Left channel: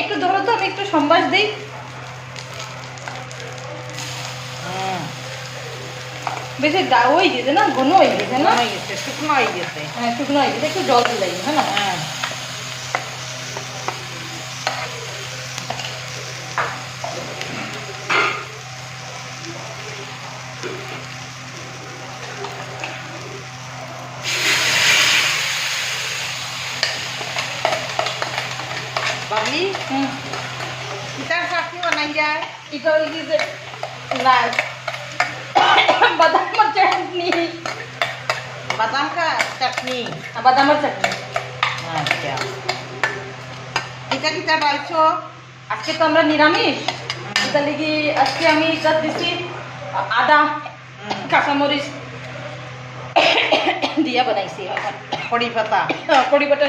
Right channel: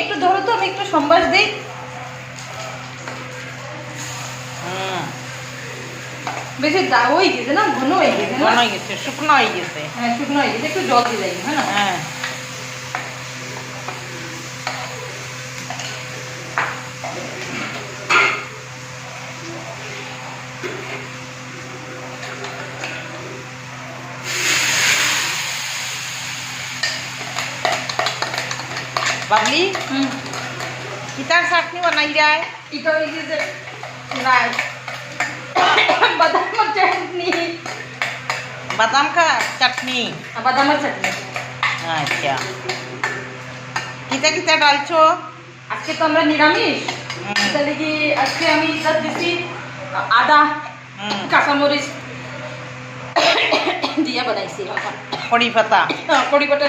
একটু ধরো তো, আমি একটু সম্বাস দিই। বেশি ওই গেছে না, ঘন হয়ে গেছে না? হয়ে গেছে, শুকনো হয়ে গেছে। হ্যাঁ শুকনো হয়ে গেছে, একটু জল দিলাই, হ্যাঁ না? হ্যাঁ বাবলি, কিতার চাটনি বানাই যায়? এটা ওই যে নাই বাদামের চাটনি। বাদাম কা চাটনি? বাদামের চাটনি। আচ্ছা, কিতা কিতা ডালছো? আজকে তো আমরা নিরামিষ, তাহলে কি আজকে আমি যা দিচ্ছি আদা, কাঁচামরিচ দিয়া বানাইছি। কড়ি পাতা, কড়ি পাতা,